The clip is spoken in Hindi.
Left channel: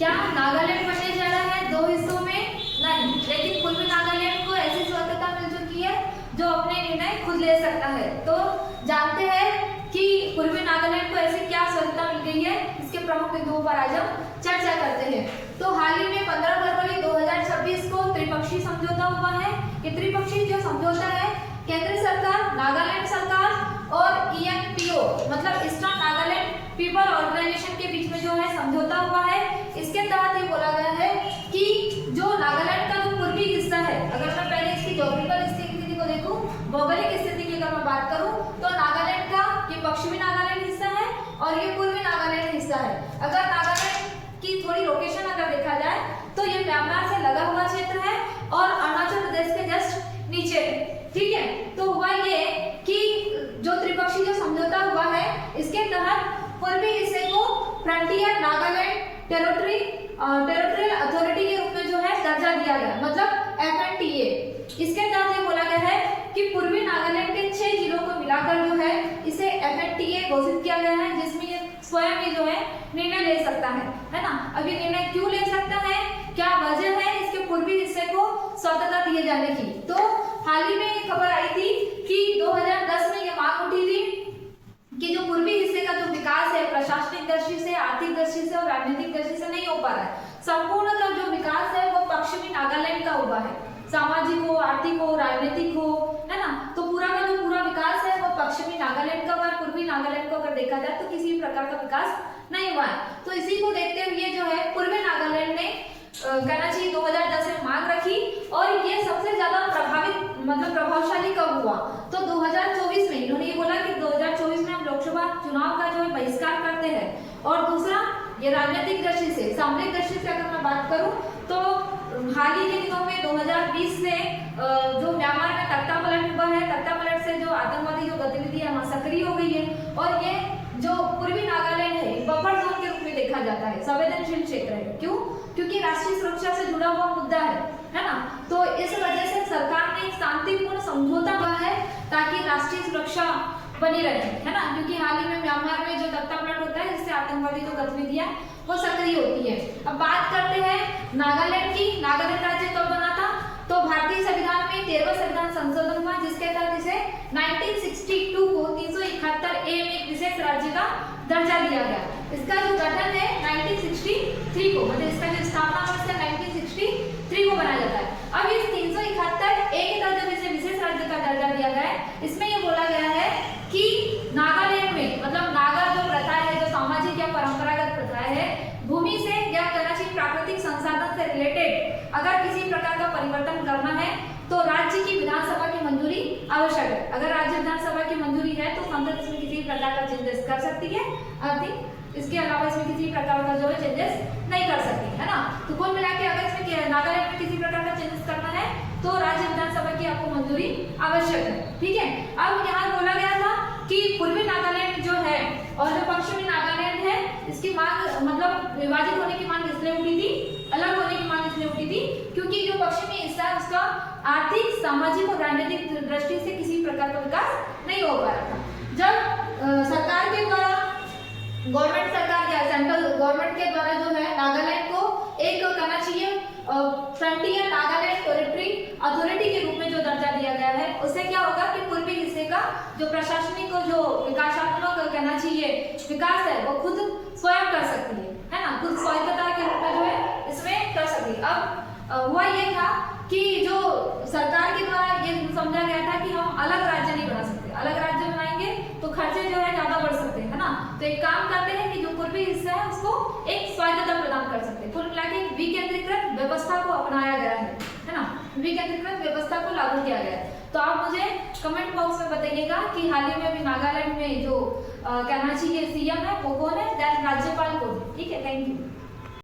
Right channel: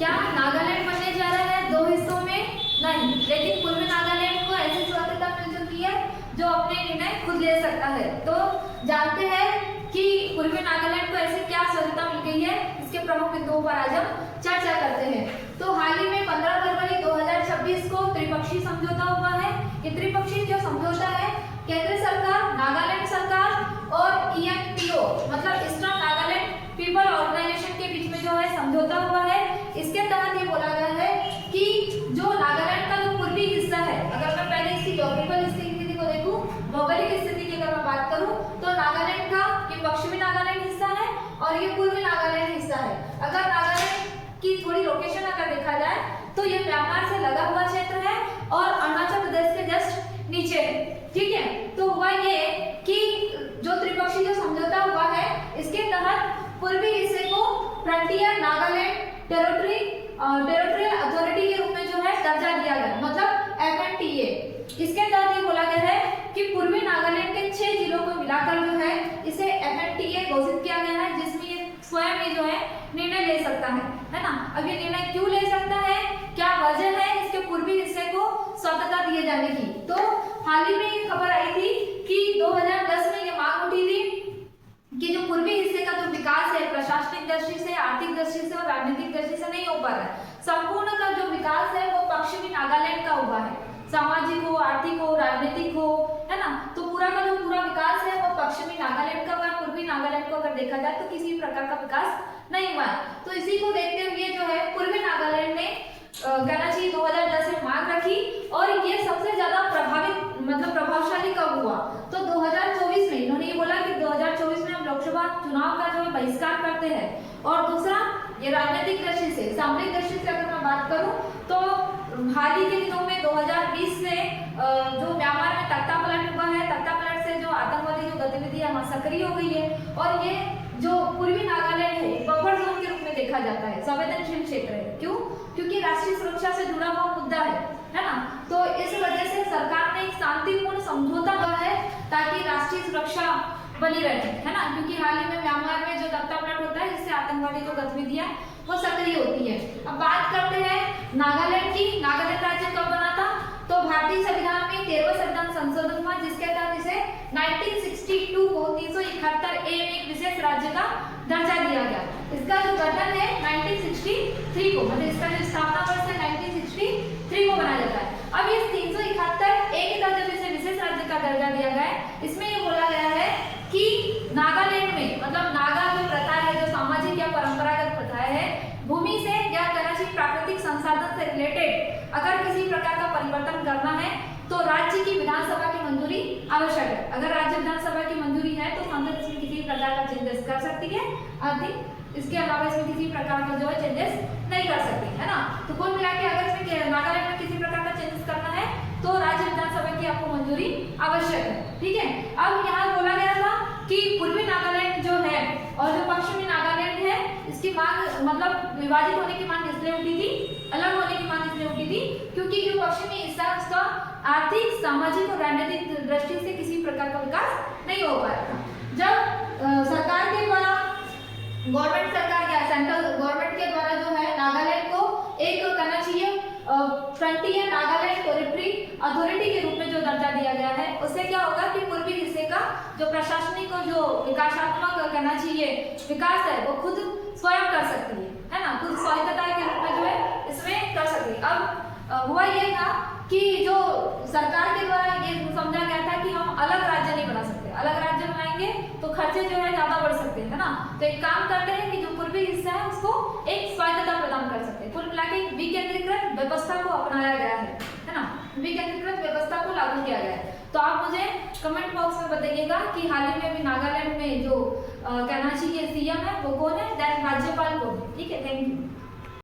क्या नागालैंड बनने जा रहा है दो हिस्सों में? नहीं, लेकिन पूर्वी नागालैंड को ऐसी स्वतंत्रता मिल चुकी है जो अपने निर्णय खुद ले सकता है। तो जानते हैं कि पूर्वी नागालैंड को ऐसे क्या स्वतंत्रता मिल गई है, इसके प्रमुख बिंदुओं पर आज हम चर्चा करते हैं। तो हाल ही में 15 फरवरी 2026 को त्रिपक्षीय समझौता हुआ है। ये त्रिपक्षीय जो समझौता है केंद्र सरकार, नागालैंड सरकार और ENPO मतलब ईस्टर्न नागालैंड पीपल ऑर्गेनाइजेशन के बीच में जो है समझौता हुआ है। इसके तहत ये बोला गया है कि जो नागालैंड का जो पूर्वी हिस्सा है, अगर मैं पहले इसकी ज्योग्राफिकल स्थिति को देखूं, भौगोलिक स्थिति की अगर मैं बात करूं, तो नागालैंड का ये पश्चिमी नागालैंड हिस्सा है और ये पूर्वी नागालैंड हिस्सा है। अगर नागालैंड की थोड़ी लोकेशन अगर देखा जाए तो ये म्यांमार से लगा हुआ क्षेत्र है और अरुणाचल प्रदेश के जस्ट नीचे है। ठीक है, तो हुआ ये कि जो त्रिपक्षीय जो समझौता हुआ है इसके तहत पूर्वी हिस्से को फ्रंटियर नागालैंड टेरिटोरियल अथॉरिटी के रूप में जो है दर्जा दिया गया, मतलब FNTA। इसके तहत ये बोला गया है कि पूर्वी नागालैंड के 6 जिलों को मिलाकर जो है इसे FNTA घोषित किया गया है, जिसमें ये स्वयं ही जो है निर्णय ले सकता है ना। अब ये निर्णय क्यों ले सकता है, क्या वजह है इसके पूर्वी हिस्से को स्वतंत्रता दिए जाने की? तो हाल ही में ये खबर आई थी कि 2010 में ये मांग उठी थी कि जो पूर्वी हिस्से का जो विकास है प्रशासनिक दृष्टि से, आर्थिक दृष्टि से और राजनीतिक दृष्टि से नहीं हो पा रहा है। संपूर्ण का जो विकास है वो पश्चिमी नागालैंड का हुआ है, सामाजिक हो, आर्थिक हो, राजनीतिक हो, है ना। तो पूरा का जो पूरा विकास है वो पश्चिमी नागालैंड का हुआ है। पूर्वी नागालैंड को अगर देखा जाए तो किसी प्रकार का विकास नहीं हुआ है। तो इसी को देखते हुए जो है पूर्वी नागालैंड ने कहना चाहिए 2010 में मांग रखी और ये सबसे ज्यादा प्रभावित मतलब प्रभावशाली कब हुआ? तो 2024 में इन्होंने ये बोला कि 2024 में हम लोकसभा चुनाव का जो है बहिष्कार करते हैं। और दूसरा ये राजनीतिक दृष्टि से, सामरिक दृष्टि से अगर मैं बात करूं तो हाल ही के दिनों में 2020 से जो म्यांमार में तख्तापलट हुआ है, तख्तापलट से जो आतंकवादी जो गतिविधियां वहां सक्रिय हो गई है और ये जो पूर्वी नागालैंड है बफर जोन के रूप में देखा जाता है, संवेदनशील क्षेत्र है। क्यों? क्योंकि राष्ट्रीय सुरक्षा से जुड़ा हुआ मुद्दा है ना। तो इस वजह से सरकार ने एक शांतिपूर्ण समझौता हुआ है ताकि राष्ट्रीय सुरक्षा बनी रहे, है ना। क्योंकि हाल ही में म्यांमार में जो तख्तापलट होता है जिससे आतंकवादी जो गतिविधियां वो सक्रिय होती है। अब बात करते हैं नागालैंड की। नागालैंड राज्य कब बना था? तो भारतीय संविधान में 13वां संविधान संशोधन हुआ जिसके तहत इसे 1962 को 371A में एक विशेष राज्य का दर्जा दिया गया। इसका जो गठन है 1963 को, मतलब इसका जो स्थापना वर्ष है 1963 को बनाया जाता है। अब इस 371A के तहत जब इसे विशेष राज्य का दर्जा दिया गया है, इसमें ये बोला गया है कि नागालैंड में मतलब नागा जो प्रथा है, जो सामाजिक या परंपरागत प्रथाएं है, भूमि से या कराची प्राकृतिक संसाधन से रिलेटेड अगर किसी प्रकार का परिवर्तन करना है तो राज्य की विधानसभा की मंजूरी आवश्यक है। अगर राज्य विधानसभा की मंजूरी है तो संसद इसमें किसी प्रकार का चेंजेस कर सकती है। इसके अलावा इसमें किसी प्रकार का जो है चेंजेस नहीं कर सकती, है ना। तो कुल मिला के अगर इसमें नागालैंड में किसी प्रकार का चेंजेस करना है तो राज्य विधानसभा की आपको मंजूरी आवश्यक है। ठीक है, अब यहाँ बोला गया था कि पूर्वी नागालैंड जो है और जो पश्चिमी नागालैंड है इसकी मांग मतलब विभाजित होने की मांग इसलिए उठी थी, अलग होने की मांग इसलिए उठी थी क्योंकि जो पश्चिमी हिस्सा है उसका आर्थिक, सामाजिक और राजनीतिक दृष्टि से किसी प्रकार का विकास नहीं हो पा रहा था। जब सरकार के द्वारा गवर्नमेंट सरकार या सेंट्रल गवर्नमेंट के द्वारा जो है नागालैंड को एक कहना चाहिए फ्रंटियर नागालैंड टेरिटरी अथॉरिटी के रूप में जो दर्जा दिया गया है, उससे क्या होगा कि पूर्वी हिस्से का जो प्रशासनिक और जो विकासात्मक कहना चाहिए विकास है वो खुद स्वयं कर सकती है ना, खुद स्वायत्तता के रूप में जो है इसमें कर सकती है। अब हुआ ये था कि जो सरकार के द्वारा ये समझा गया था कि हम अलग राज्य नहीं बना सकते, अलग राज्य बनाएंगे तो खर्चे जो है ज्यादा बढ़ सकते हैं, है ना। तो एक काम करते हैं कि जो पूर्वी हिस्सा है उसको एक स्वायत्तता प्रदान कर सकते हैं। कुल मिलाकर एक विकेंद्रीकृत व्यवस्था को अपनाया गया है ना, विकेंद्रीकृत व्यवस्था को लागू किया गया है। तो आप मुझे कमेंट बॉक्स में बताइएगा कि हाल ही में भी नागालैंड में जो कहना चाहिए CM है वो कौन है, दैन राज्यपाल कौन है। ठीक है, थैंक यू।